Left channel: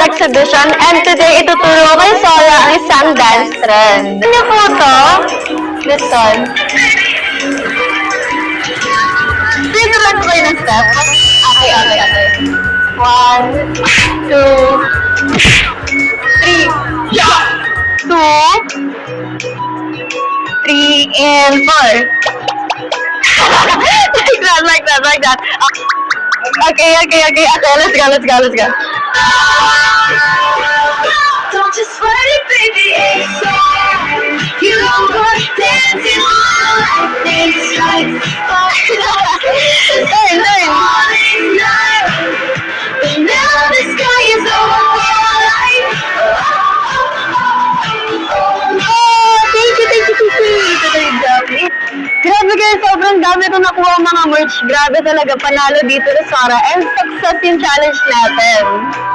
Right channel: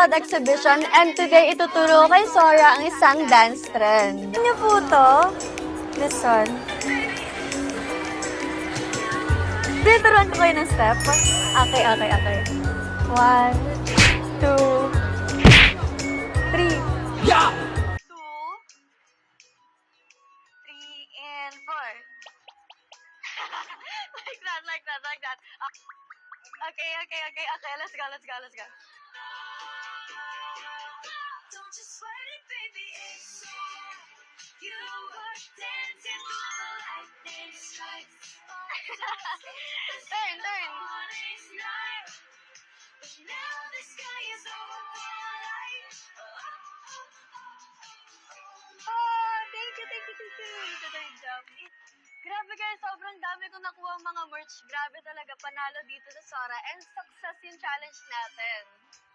exhibition and today ituturo ko kay Sora ang isang dance trend. Ano po ito? This one. Sino ba ito kayo ng step? Okay. 1, 2, 3, 2, 3, and 4. like that. Okay. Okay, let's go. Don't just sweat it, baby, it's on. You don't go dancing all night. It's like morning night. And now the sky is overlight. Thank you. Grabe guys, sobrang dami ito nakuha ang mga merch. Grabe talaga, panalo dito na Sora. And success yung challenge natin.